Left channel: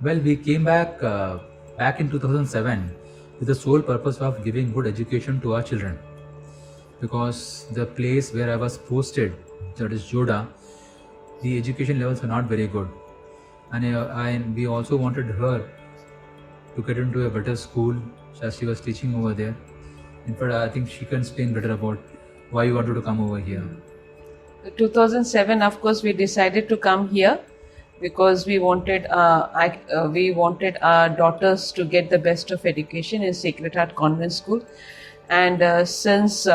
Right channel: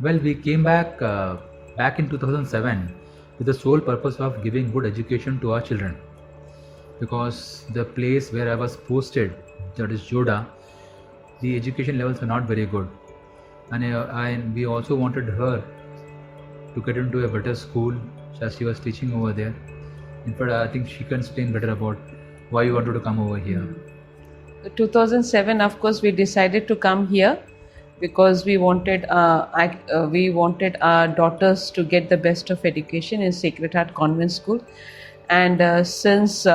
Well, we came back in 2007 with the sole purpose of giving good education to our children, because the place where I was posted, that is Joda, the education levels were not very good, and we also wanted her to get into a better school as she was teaching over there. In fact, I think she can explain better about why you wanted to come over here. 2007, of course, we decided to come here because we wanted our daughters to get the best of education in Sacred Heart Convent School, and since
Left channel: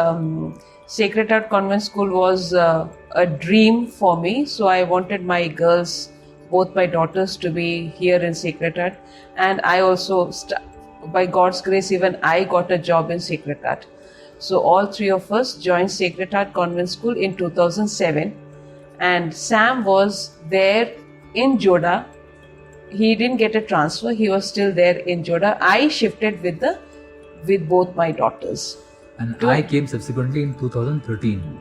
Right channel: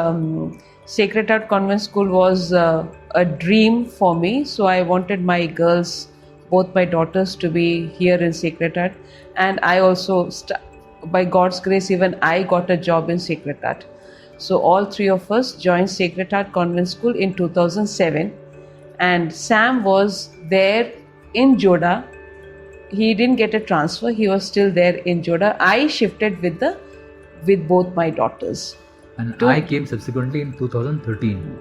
Sacred Heart Convent School was a dream for me, so I wanted my girls, both my daughters, to be here in Sacred Heart, and I also, by God's grace, even I got a job in Sacred Heart. So all three of us joined Sacred Heart Convent School in 2007, and Sam was there in Joda. He didn't get a transfer; he was still there in Joda. I shifted with both my daughters. And I came subsequently in 2013,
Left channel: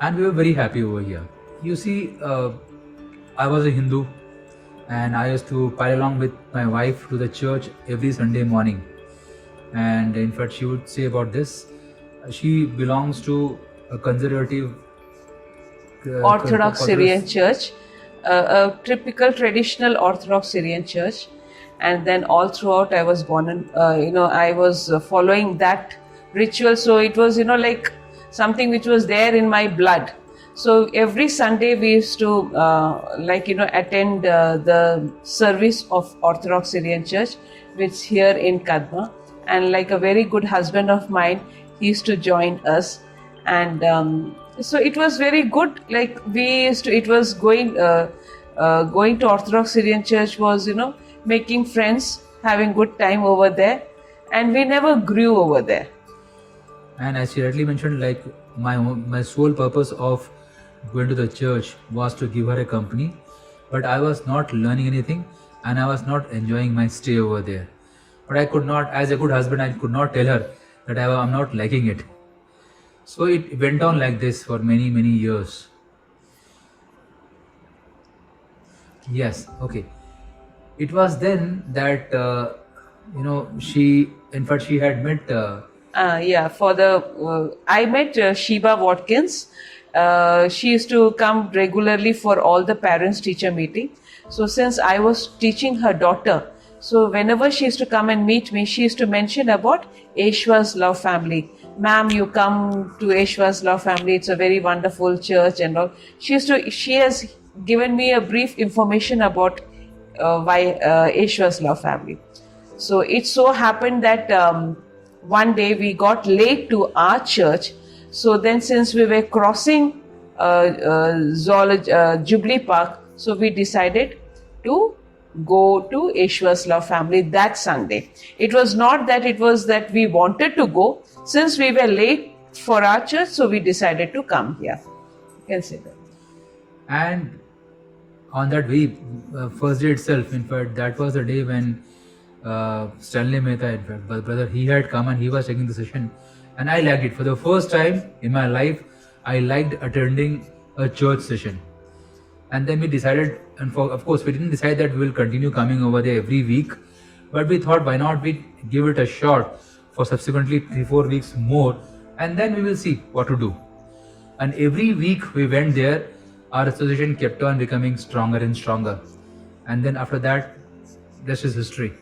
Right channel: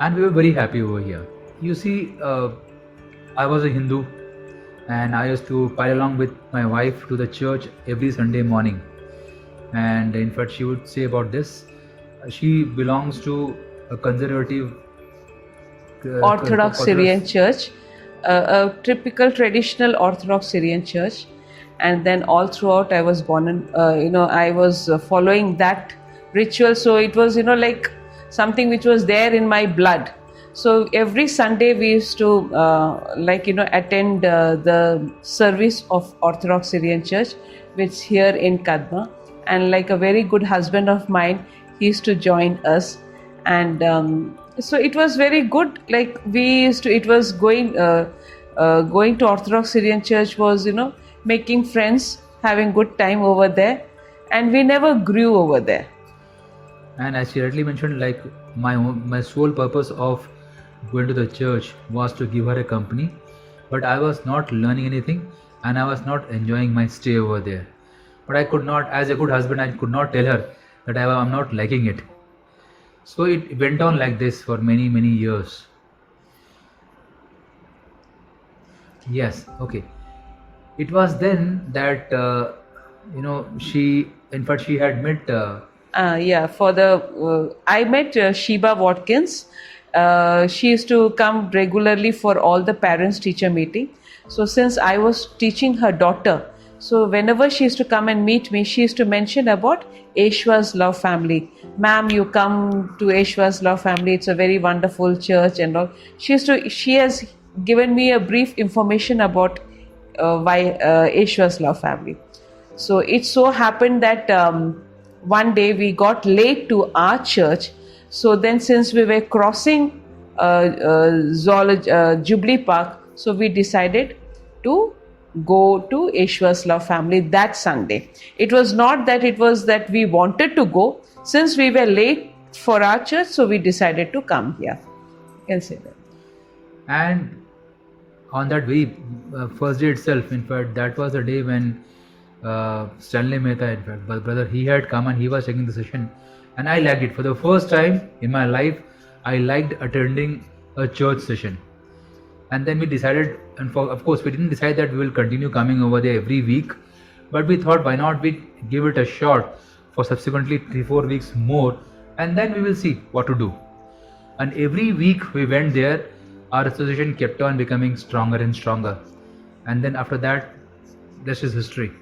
and we were very happy over here. You see, I was a Hindu, and I used to pile along with my wife to the church every Sunday morning. And in fact, she would say about this, she belongs to a conservative Orthodox Syrian church, a typical traditional Orthodox Syrian church, and then all throughout I was born and I was following that ritual. So it was like something which was there in my blood. So every Sunday we used to attend the service of Orthodox Syrian Church, which here in Kadma, and like a very good husband of mine, he used to join us, and so it was very good. Like we used to, it was going to Orthodox Syrian Church was making friends, having good time over there, and we never grew over there. And as she rightly mentioned, like my sole purpose of going to the church was to give her a company, but I was not learning anything, and I was not enjoying my stay over there. But I could not, as a good husband, I could not tell her that I'm not liking it. So it went on like this for many years. Yes, okay. It was then that she, in fact, she had met. I met Sheba Watkins. She used to come regularly for all the parents-teacher meeting. So since I was teaching her daughter, so whenever she used to come and meet me, she used to mention about Eshwa's Love Family. Ma'am, you come to Eshwa's Love Family. It's a very wonderful church and all. She has given me a brief information about why Eshwa's Love Family. So it so happened that one day we got late to our church. So then, since we were crossing Jubilee Park, so we decided to go to Eshwa's Love Family that Sunday. It was not that it was that we wanted to go. Since we were late for our church, so we decided to come here. You can say that. And on that very first day itself, in fact, that was the day when Stanley Mehta, in fact, brother, he had come and he was taking the session, and I liked it. For the first time in my life, I liked attending a church session. And then we decided, and of course, we didn't decide that we will continue coming over there every week, but we thought, why not we give it a shot for subsequently 3-4 weeks more, and then we will see what to do. And every week we went there, our association kept on becoming stronger and stronger. And then after that, this is history.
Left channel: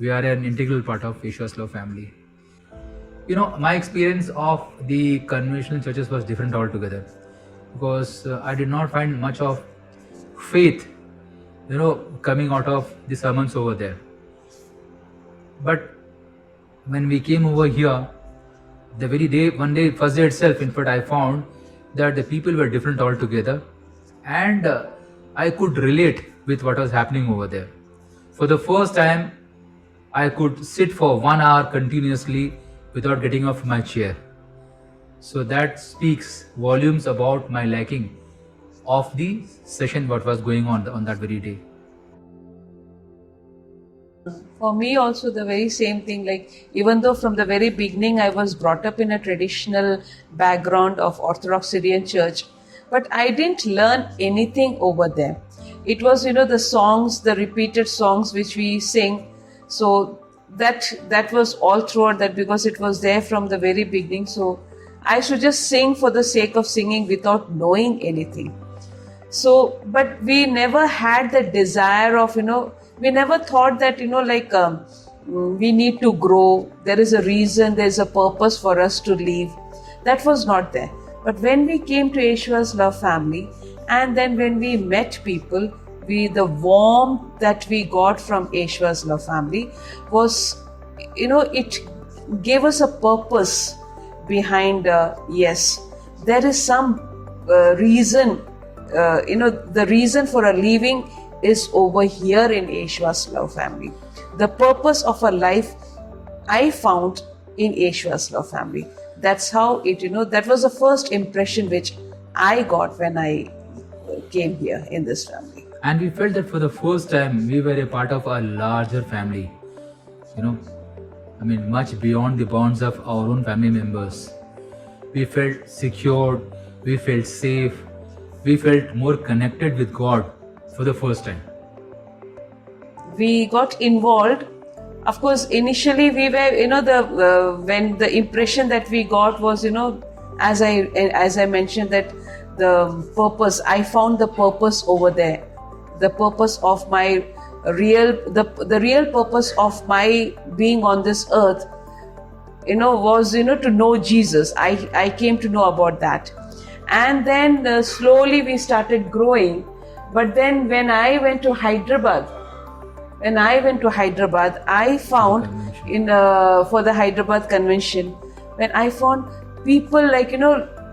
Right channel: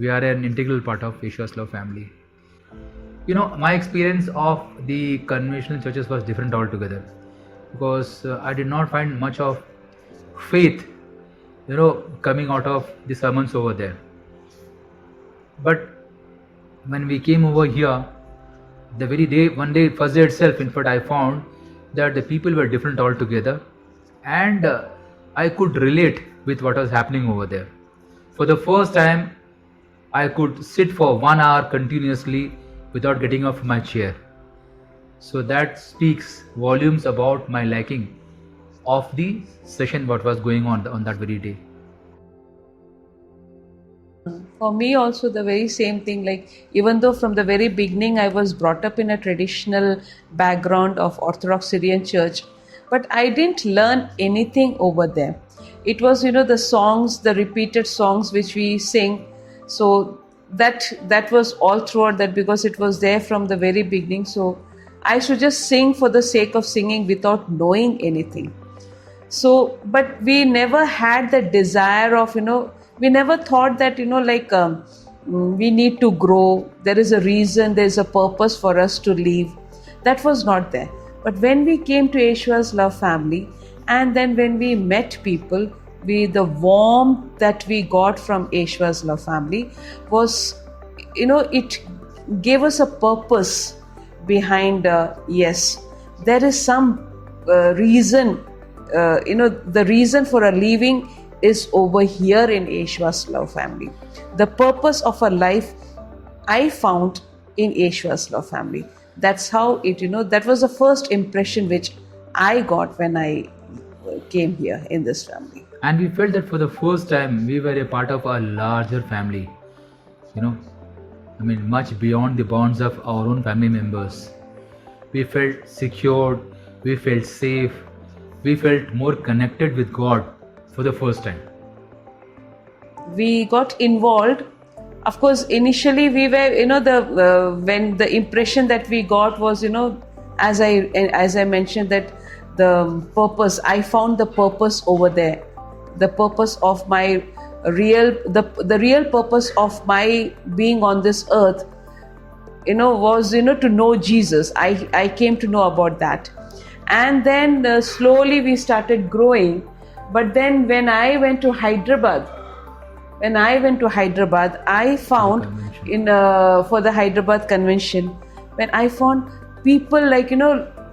We are an integral part of Eshwa's Love Family. My experience of the conventional churches was different altogether, because I did not find much of faith, coming out of the sermons over there. But when we came over here, the very day, first day itself, in fact, I found that the people were different altogether, and I could relate with what was happening over there. For the first time, I could sit for 1 hour continuously without getting off my chair. So that speaks volumes about my liking of the session, what was going on that very day. For me also the very same thing, like even though from the very beginning I was brought up in a traditional background of Orthodox Syrian church, but I didn't learn anything over there. it was, the songs, the repeated songs which we sing. So that was all throughout that, because it was there from the very beginning. So I should just sing for the sake of singing without knowing anything. So, but we never had the desire of, we never thought that, we need to grow. There is a reason, there's a purpose for us to live. That was not there. But when we came to Ishwar's Love Family, and then when we met people, the warmth that we got from Ishwar's Love Family was, it gave us a purpose behind, yes, there is some reason, the reason for a living is over here in Ishwar's Love Family. The purpose of a life I found in Ishwar's Love Family. That's how it, that was the first impression which I got when I came here in this family. And we felt that for the first time we were a part of a larger family. Much beyond the bonds of our own family members. We felt secured, we felt safe, we felt more connected with God for the first time. We got involved. Of course, initially we were, when the impression that we got was, as I mentioned, that the purpose, I found the purpose over there. The purpose of my the real purpose of my being on this earth, was, to know Jesus. I came to know about that. And then slowly we started growing. But then when I went to Hyderabad, I found for the Hyderabad convention, when I found people like,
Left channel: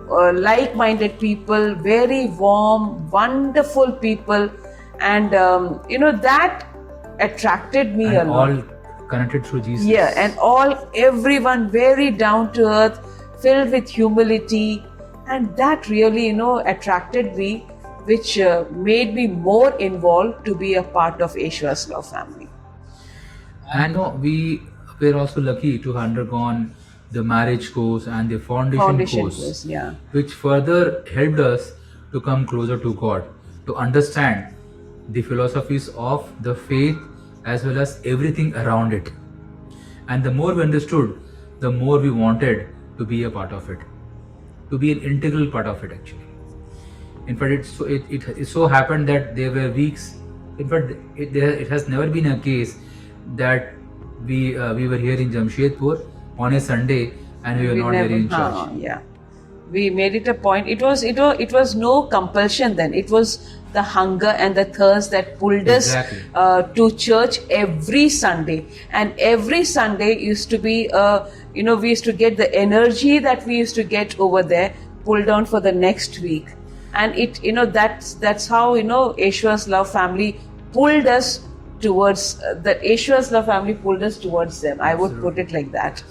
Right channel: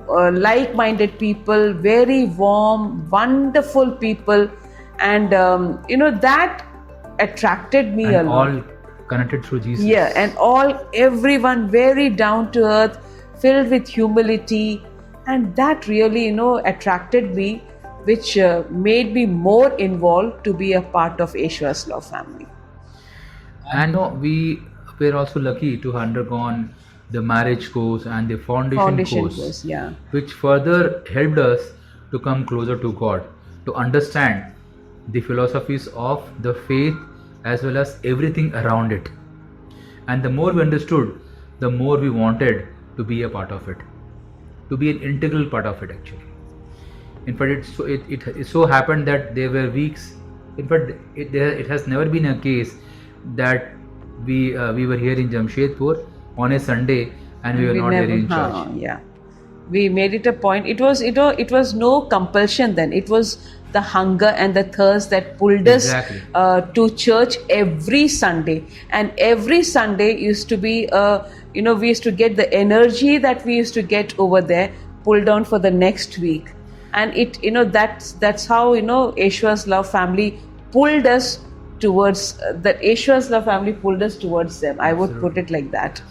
like-minded people, very warm, wonderful people, and that attracted me and a lot. all connected through Jesus. Yeah, and everyone very down to earth, filled with humility, and that really, attracted me, which made me more involved to be a part of Ishwar's Love Family. And we were also lucky to have undergone the marriage course and the foundation course, yeah. which further helped us to come closer to God, to understand the philosophies of the faith as well as everything around it. And the more we understood, the more we wanted to be a part of it, to be an integral part of it actually. In fact, it so happened that there were weeks, in fact it has never been a case that we were here in Jamshedpur on a Sunday and we were not there in church. Yeah, we made it a point. It was no compulsion then. It was the hunger and the thirst that pulled us to church every Sunday. And every Sunday used to be, we used to get the energy that we used to get over there pulled down for the next week. And that's how, Ishwar's Love Family pulled us towards, Ishwar's Love Family pulled us towards them. I would put it like that.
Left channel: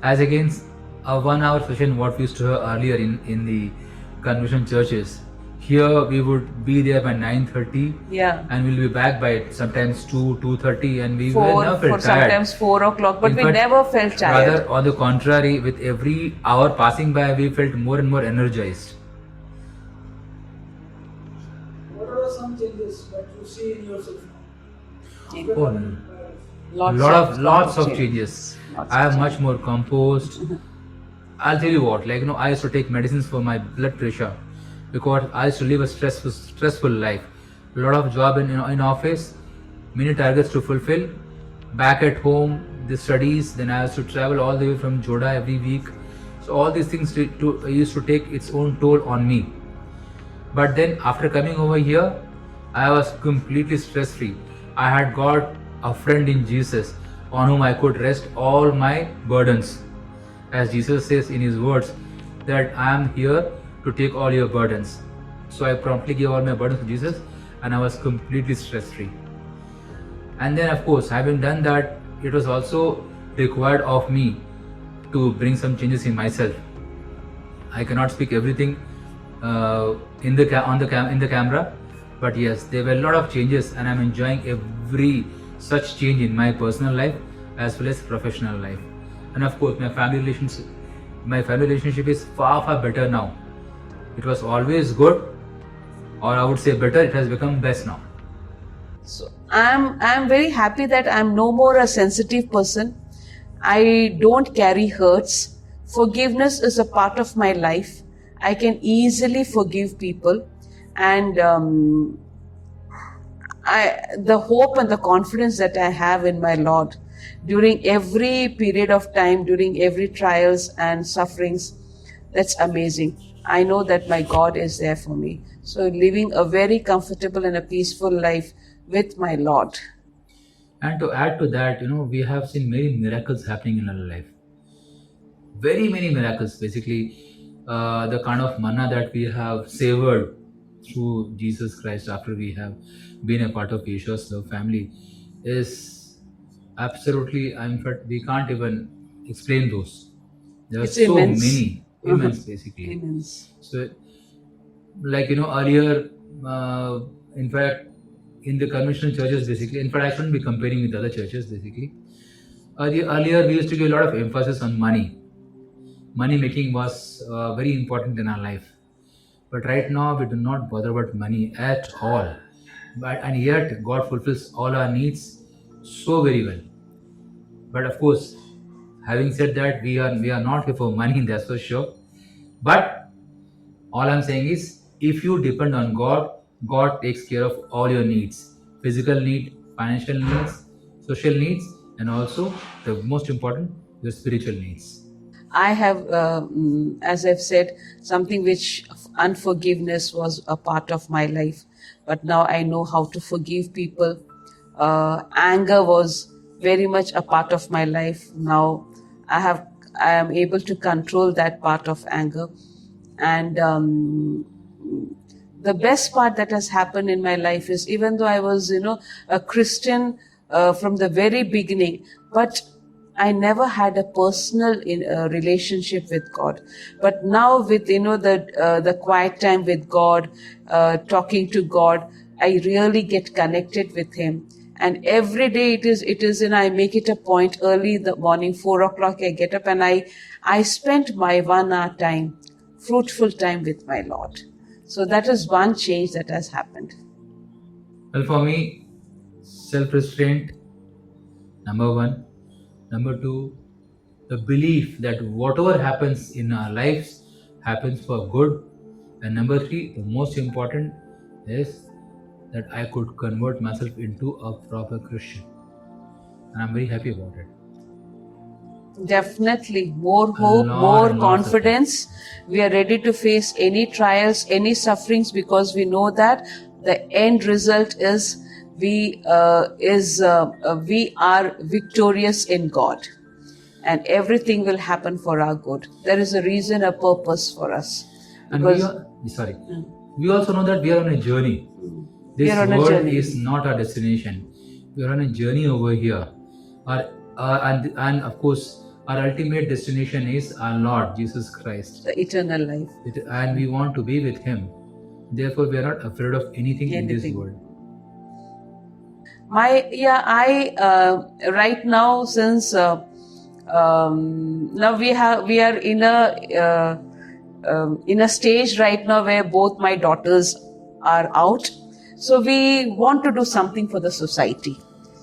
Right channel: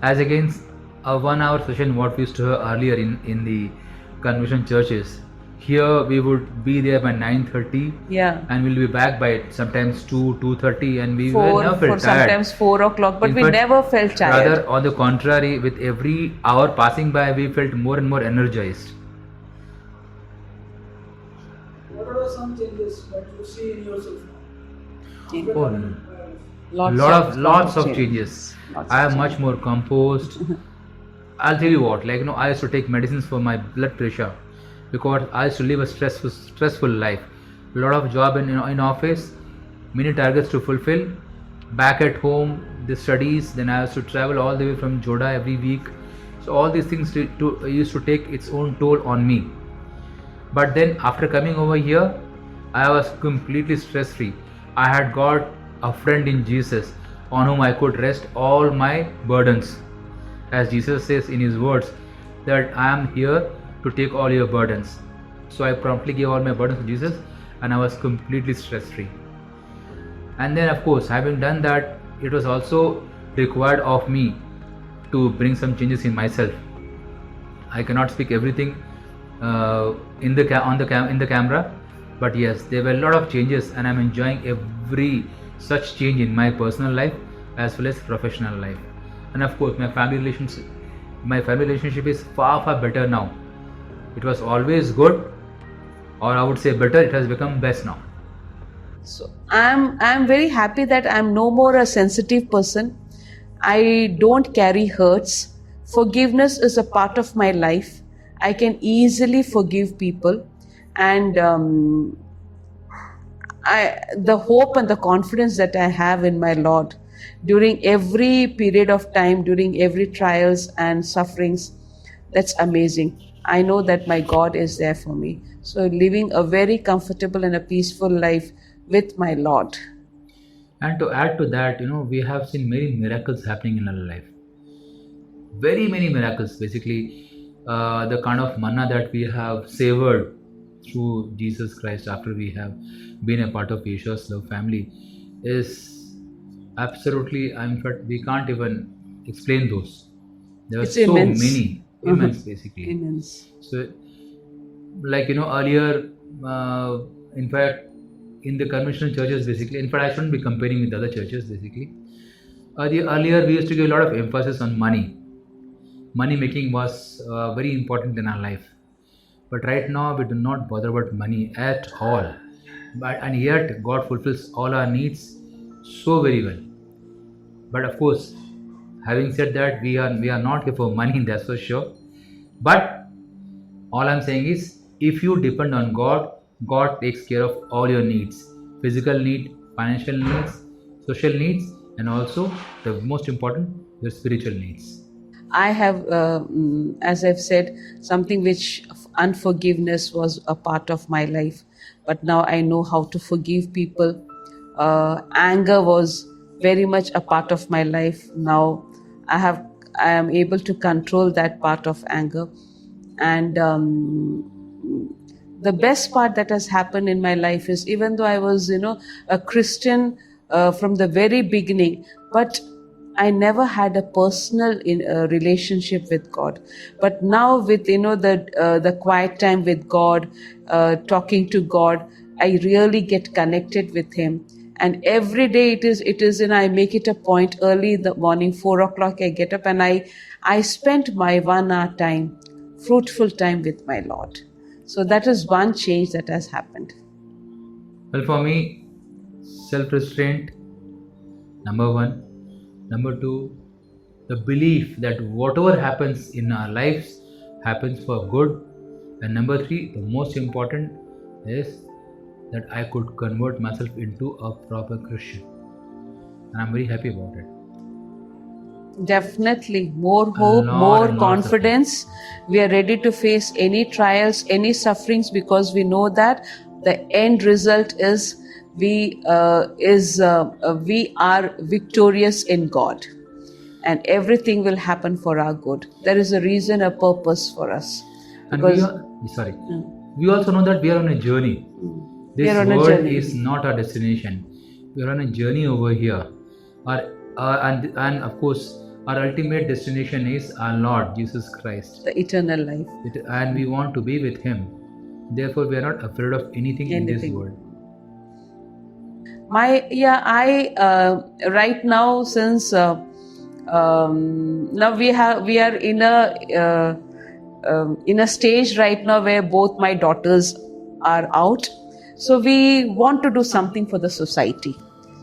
As against a 1 hour session what we used to have earlier in the convention churches, here we would be there by 9:30, yeah, and we'll be back by sometimes 2:30, and we 4, never felt tired. Sometimes 4 o'clock, but In we fact, never felt tired. Rather, on the contrary, with every hour passing by, we felt more and more energized. What are some changes that you see in yourself now? Oh, lots of changes. I am much more composed. I'll tell you what, I used to take medicines for my blood pressure because I used to live a stressful life. A lot of job in office, many targets to fulfill. Back at home, the studies. Then I used to travel all the way from Joda every week. So all these things used to take its own toll on me. But then after coming over here, I was completely stress free. I had got a friend in Jesus on whom I could rest all my burdens. As Jesus says in his words that I am here to take all your burdens. So I promptly gave all my burdens to Jesus and I was completely stress free. And then of course, having done that, it was also required of me to bring some changes in myself. I cannot speak everything in the camera, but yes, there were a lot of changes and I'm enjoying every such change in my personal life as well as professional life. And of course, my family relationship is far better now. It was always good, or I would say better, it has become best now. So I'm very happy that I'm no more a sensitive person. I don't carry hurts. Forgiveness is a part of my life. I can easily forgive people, and the hope and the confidence that I have in my Lord during every period of time, during every trials and sufferings, that's amazing. I know that my God is there for me. So living a very comfortable and a peaceful life with my Lord. And to add to that, we have seen many miracles happening in our life. Very many miracles. Basically, the kind of manna that we have savored through Jesus Christ after we have been a part of Yeshua's love family is absolutely, in fact, we can't even explain those. There are It's so immense. many, immense basically. Immense. So, like earlier, in fact, in the conventional churches, basically, in fact, I shouldn't be comparing with other churches, basically. Earlier, we used to give a lot of emphasis on money. Money making was very important in our life, but right now we do not bother about money at all. But and yet God fulfills all our needs so very well. But of course, having said that, we are not here for money, that's for sure. But all I'm saying is, if you depend on God, God takes care of all your needs: physical need, financial needs, social needs, and also the most important, your spiritual needs. I have, as I've said, something which unforgiveness was a part of my life, but now I know how to forgive people. Anger was very much a part of my life. Now I have, I am able to control that part of anger, and the best part that has happened in my life is, even though I was, a Christian from the very beginning, but I never had a personal relationship with God. But now, with the quiet time with God, talking to God, I really get connected with Him. And every day it is, and I make it a point early in the morning, 4 o'clock. I get up and I spend my 1 hour time, fruitful time with my Lord. So that is one change that has happened. Well, for me, self restraint, number one. Number two, the belief that whatever happens in our lives happens for good. And number three, the most important is that I could convert myself into a proper Christian. And I'm very happy about it. Definitely. More A hope, lot more and lots of hope. confidence. We are ready to face any trials, any sufferings, because we know that the end result is we are victorious in God, and everything will happen for our good. There is a reason, a purpose for us. And we Because are, sorry, we also know that we are on a journey. we This are on a world journey. is not our destination. We are on a journey over here. And of course, our ultimate destination is our Lord Jesus Christ. The eternal life. And we want to be with Him. Therefore, we are not afraid of anything in this Anything. world. I right now, since now we are in a stage right now where both my daughters are out, so we want to do something for the society.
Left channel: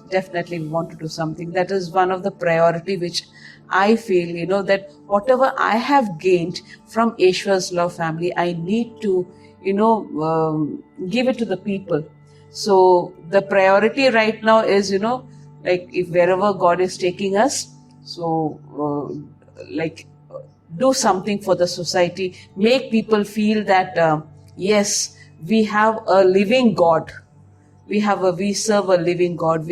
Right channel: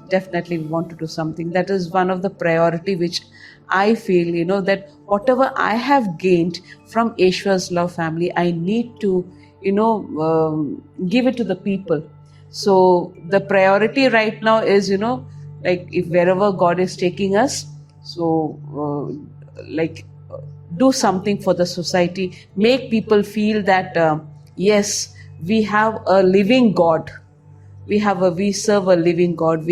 Definitely we want to do something. That is one of the priority which I feel, that whatever I have gained from Yeshua's love family, I need to give it to the people. So the priority right now is, like, if wherever God is taking us, so do something for the society, make people feel that yes, we have a living God. We serve a living God.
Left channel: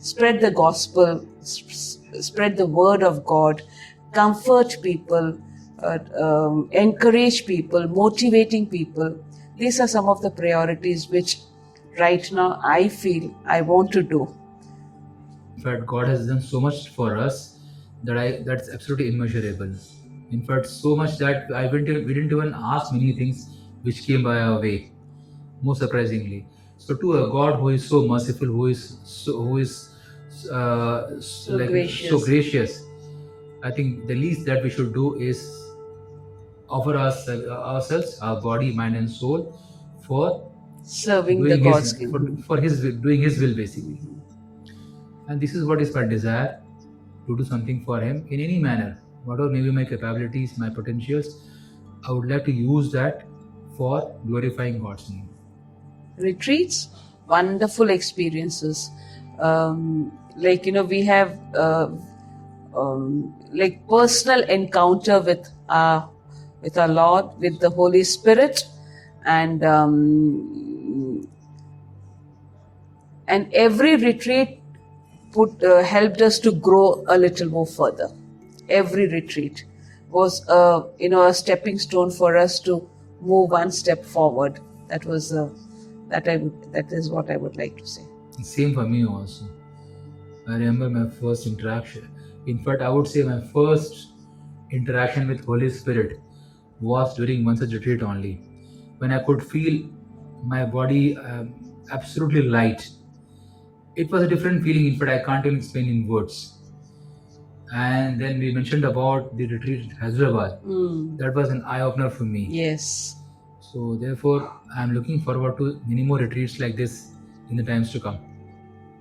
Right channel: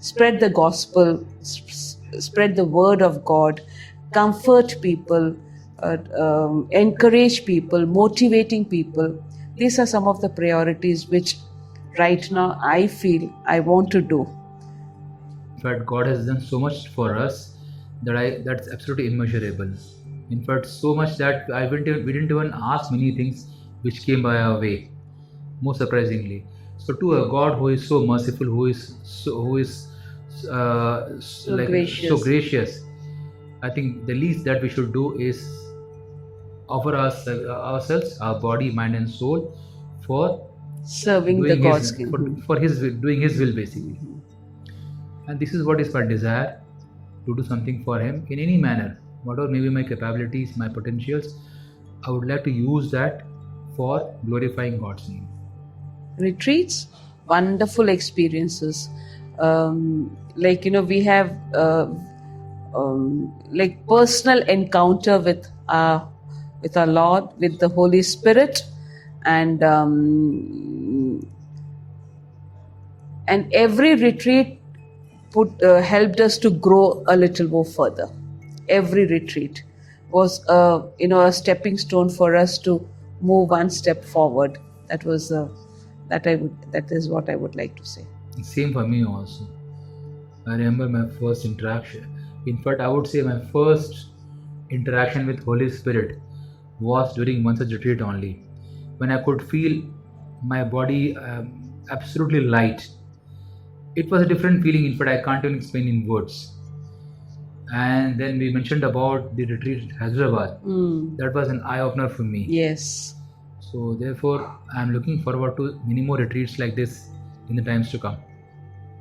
Spread the gospel, spread the word of God, comfort people, encourage people, motivating people. These are some of the priorities which right now I feel I want to do. In fact, God has done so much for us that's absolutely immeasurable. In fact, so much that we didn't even ask many things which came by our way. Most surprisingly, so to a God who is so merciful, who is so gracious. gracious, I think the least that we should do is offer ourselves, our body, mind, and soul for Serving the doing God's his kingdom. for his doing his will basically. Mhm. And this is what is my desire, to do something for him in any manner, whatever may be my capabilities, my potentials. I would like to use that for glorifying God's name. Retreats, wonderful experiences. Like, we have like personal encounter with our Lord, with the Holy Spirit, and every retreat helped us to grow a little more further. Every retreat was a stepping stone for us to move one step forward. That was that is what I would like to say. Same for me also. I remember my first interaction. In fact, I would say my first interaction with Holy Spirit was during one such retreat only, when I could feel my body absolutely light. It was a different feeling. In fact, I can't even explain in words. And then we mentioned about the retreat at Hyderabad. Mm. That was an eye opener for me. Yes. So therefore, I'm looking forward to many more retreats like this in the times to come.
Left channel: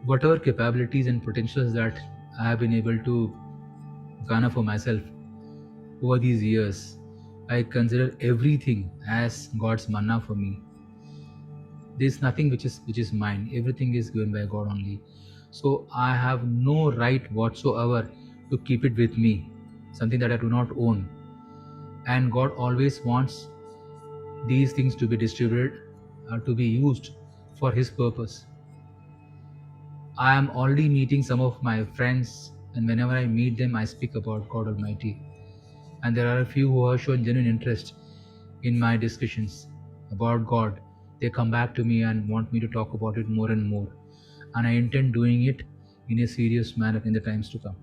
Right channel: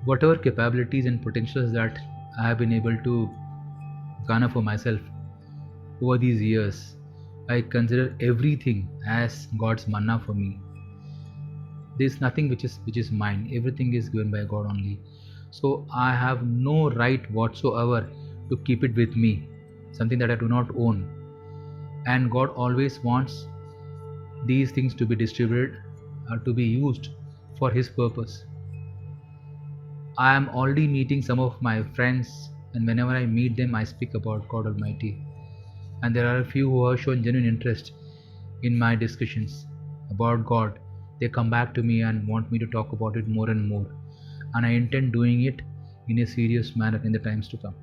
Whatever capabilities and potentials that I have been able to garner for myself over these years, I consider everything as God's manna for me. There's nothing which is mine. Everything is given by God only. So I have no right whatsoever to keep it with me, something that I do not own. And God always wants these things to be distributed, to be used for His purpose. I am already meeting some of my friends, and whenever I meet them, I speak about God Almighty. And there are a few who have shown genuine interest in my discussions about God. They come back to me and want me to talk about it more and more. And I intend doing it in a serious manner in the times to come.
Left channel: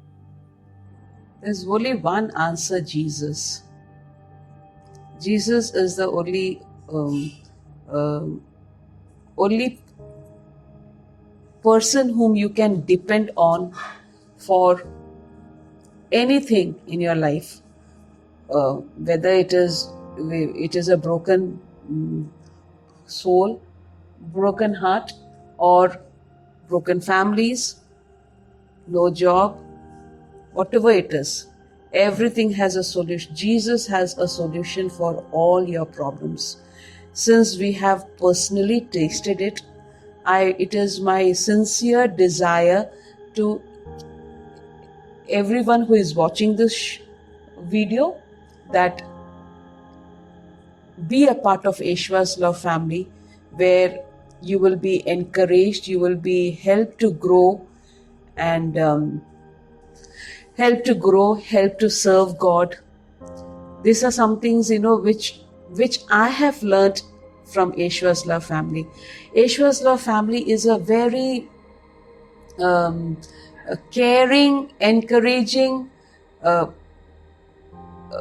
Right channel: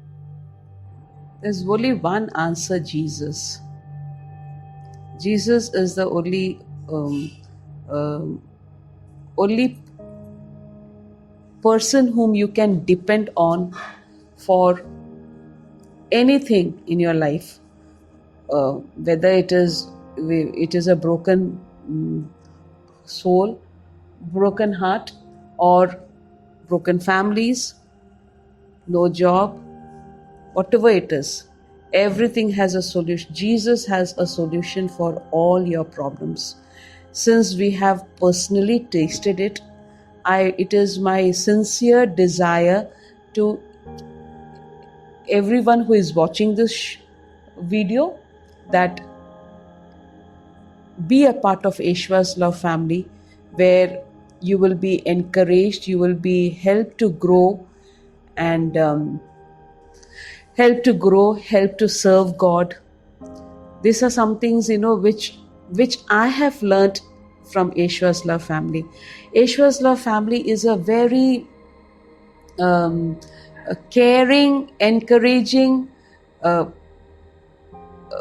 There's only one answer: Jesus. Jesus is the only person whom you can depend on for anything in your life, whether it is a broken soul, broken heart, or broken families, no job, whatever it is. Everything has a solution. Jesus has a solution for all your problems. Since we have personally tasted it, it is my sincere desire to everyone who is watching this video that be a part of Aishwar's Love family, where you will be encouraged, you will be helped to grow, and help to serve God. These are some things, which I have learned from Aishwar's Love family. Aishwar's Love family is a very a caring, encouraging,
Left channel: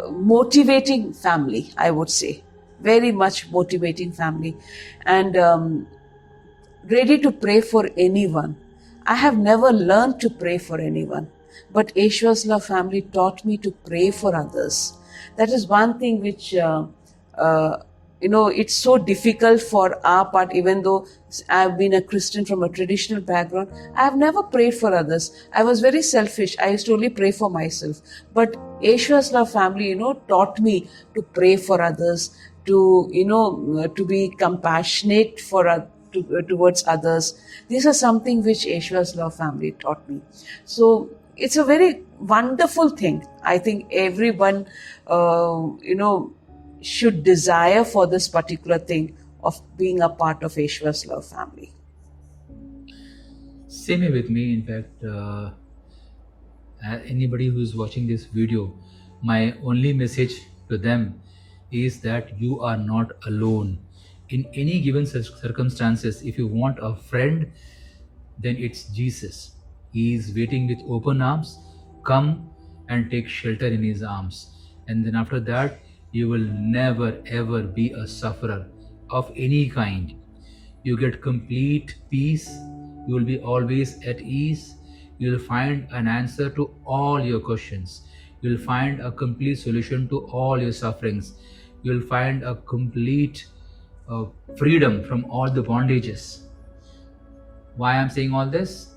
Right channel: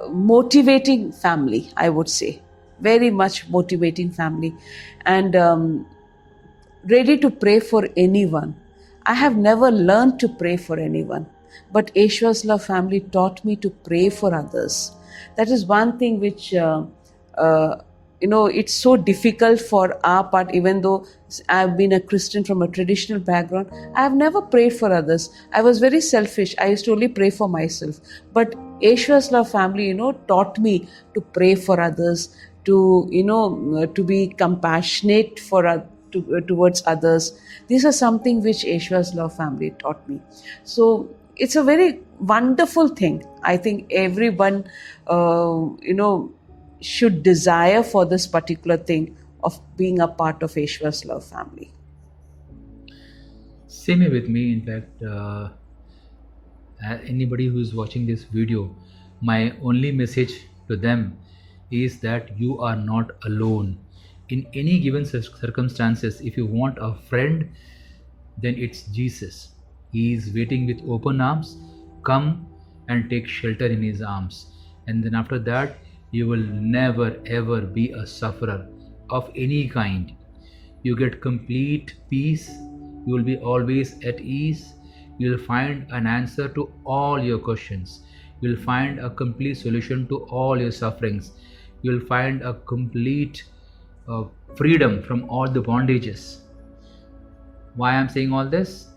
motivating family, I would say. Very much motivating family, and ready to pray for anyone. I have never learned to pray for anyone, but Aishwar's Love family taught me to pray for others. That is one thing which it's so difficult for our part. Even though I've been a Christian from a traditional background, I've never prayed for others. I was very selfish. I used to only pray for myself. But Aishwar's Love family, taught me to pray for others, to be compassionate towards others. These are something which Aishwar's Love family taught me. So it's a very wonderful thing. I think everyone, should desire for this particular thing of being a part of Aishwar's Love family. Same here with me. In fact, anybody who is watching this video, my only message to them is that you are not alone. In any given circumstances, if you want a friend, then it's Jesus. He is waiting with open arms. Come and take shelter in His arms. And then after that, you will never ever be a sufferer of any kind. You get complete peace. You will be always at ease. You will find an answer to all your questions. You'll find a complete solution to all your sufferings. You'll find a complete freedom from all the bondages. Why I'm saying all this?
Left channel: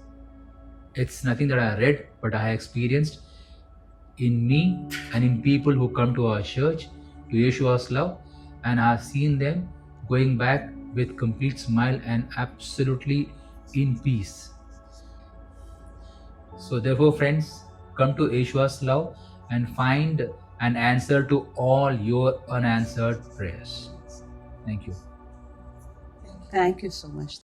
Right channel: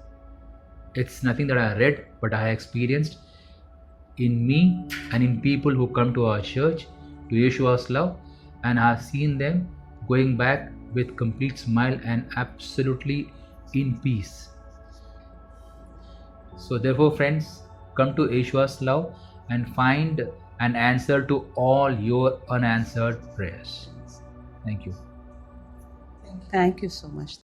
It's nothing that I read, but I experienced in me and in people who come to our church, to Yeshua's love, and I've seen them going back with complete smile and absolutely in peace. So therefore, friends, come to Yeshua's love and find an answer to all your unanswered prayers. Thank you. Thank you so much.